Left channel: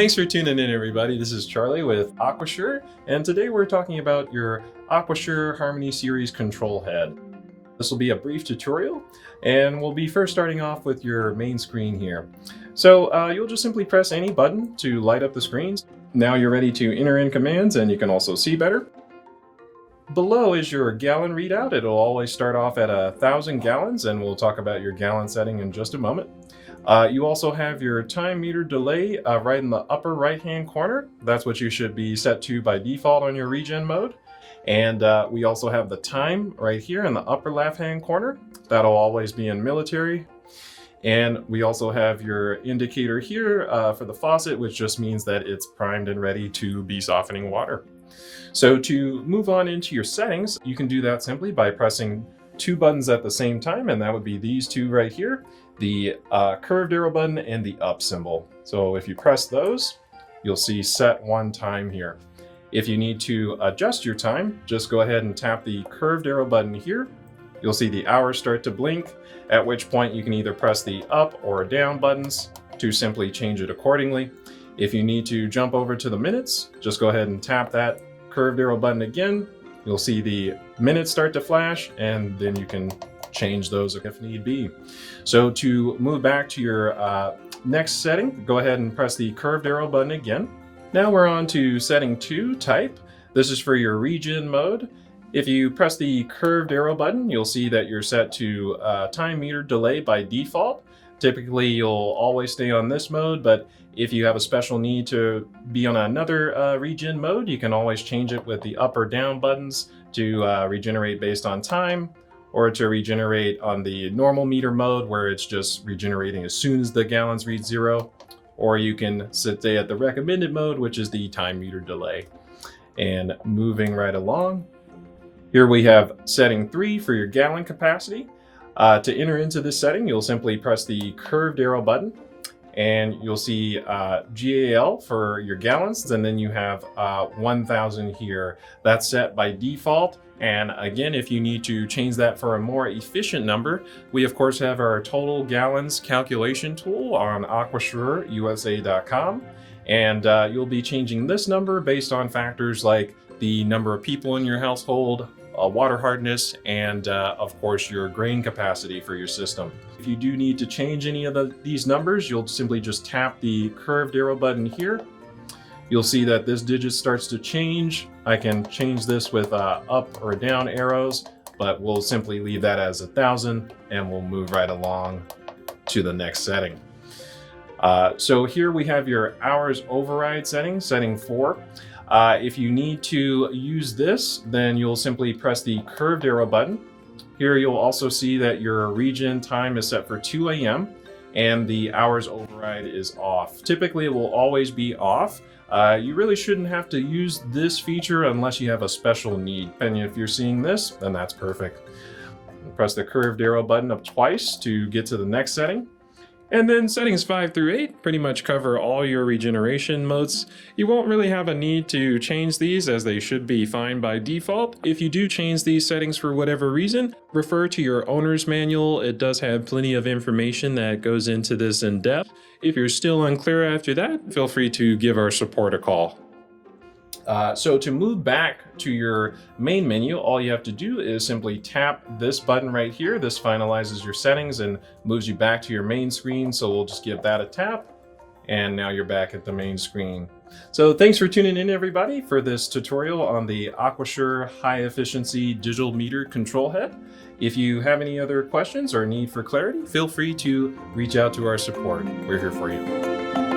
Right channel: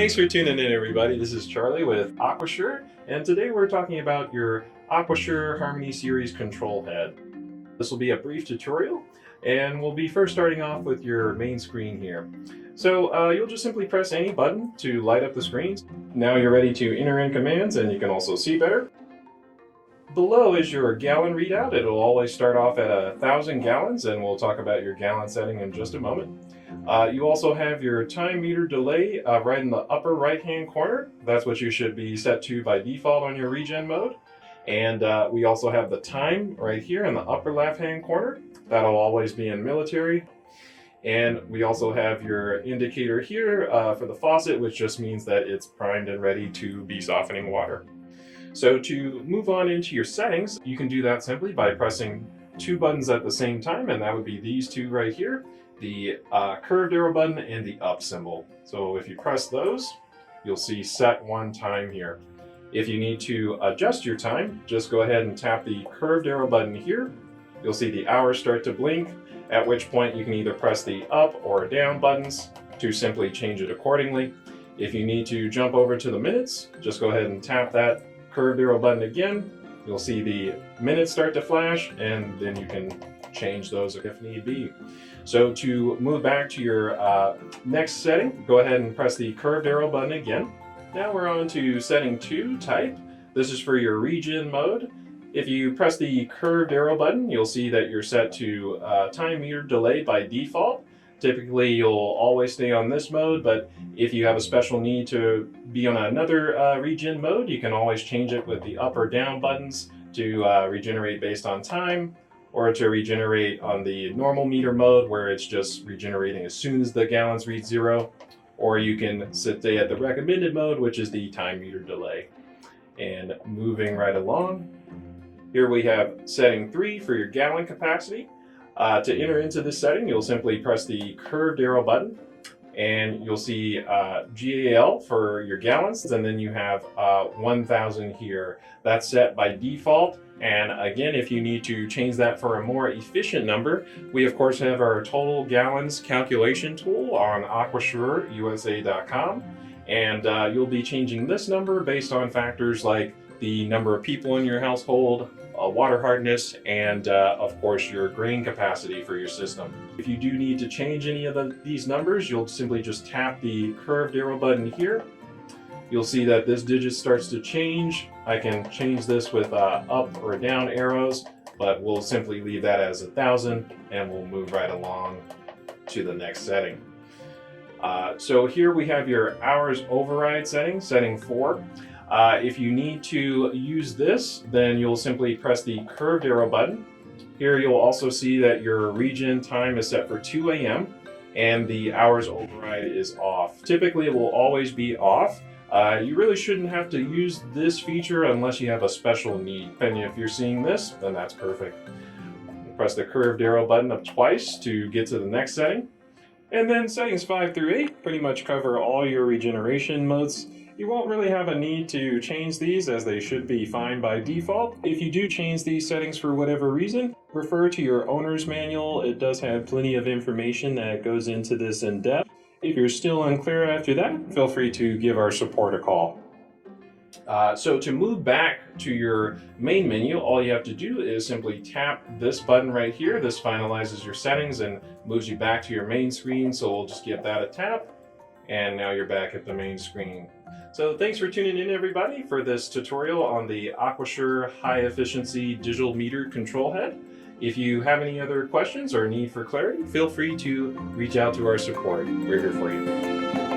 Thanks for tuning in, everybody. This is Charlie with Aquasure, and today we're talking about your Aquasure Harmony Series control head. This will be a brief tutorial, and we'll be first starting off with your main screen here. So you'll just simply press any button to light up the screens. Now you're ready to enter in commands, and you can also see better. Below is your gallon readout. It'll always start off at 1,000 gallons, and we'll talk about your gallon setting in just a moment. You also have your time meter delay right in the upper right hand corner. That's what you should be set to by default on your regen mode. And we also have the time right here in the upper left hand corner. That'll always be in military. And we also have your indicator here for the faucet, which just means that it's primed and ready to be softening water. So to move on into your settings, you can do that simply by pressing two buttons at the same time, and that would be these two right here, the curved arrow button and the up symbol. So if you press those, you'll see set one time here. If you need to adjust your time, just go ahead and tap the curved arrow button here. You'll see the hours start to blink, at which point you can either press the up or down buttons to simply change it accordingly. If you need to jump over to the minutes, just go ahead and tap that curved arrow button again. You'll see the minutes start to flash, and then you can change those if need be. So to move back to your next setting, go ahead and press the curved arrow button again. Now we're on to setting 2, type. This is for your regen mode. If you press the curved arrow button, you'll see that you're set to time meter delay by default. Typically, you'll always stay on this mode, but if you have a special need to be on another regen mode, you can always change it with the up or down buttons to regenerate based on time, or to regenerate on the normal meter mode where it's just regenerating as soon as the gallons reach 0, or you can stay at the recommended mode, which is the time meter delay. And moving right along, here we have setting 3 for your gallon capacity. To enter into this setting, you'll simply press the curved arrow button, and you'll see GAL for your gallons, and then you have 1,000 here. That's set by default. And again, if you need to change that for a more efficient number, we of course have our total gallons calculation tool on aquasureusa.com. And you'll be changing this number based on factors like the number of people in your household, water hardness, and of course your grain capacity for your system. If you do need to change any of these numbers, you'll simply just tap the curved arrow button here. You'll see that this digit starts to change. I can change this with up or down arrows, but we'll simply leave that as 1,000, and we'll move right along to the next setting. So here we have your hours override setting, setting 4. If you need to use this, then you'll simply press the curved arrow button. Here you'll also see that your regen time is set for 2 a.m. and the hours override is off. Typically it will always be off. You really shouldn't have to use this feature unless you have a special need. And if you're seeing this, then that's perfect. Press the curved arrow button up twice to get to the next setting. And then settings 5 through 8 pretty much cover all your regeneration modes. You won't really have a need to change these, as they should be fine by default. If you do change these settings for whatever reason, refer to your owner's manual. It does have plenty of information that goes into this in depth. If you're still unclear after that, feel free to give our support a call. So to move back to your main menu, all you have to do is simply tap this button right here. This finalizes your settings and moves you back to your main screen. So we'll just give that a tap, and now you're back at the main screen. So thanks for tuning in, everybody, for this tutorial on the Aquasure High Efficiency Digital Meter Control Head. If you have any other questions or need for clarity, feel free to reach out to our support. We're here for you.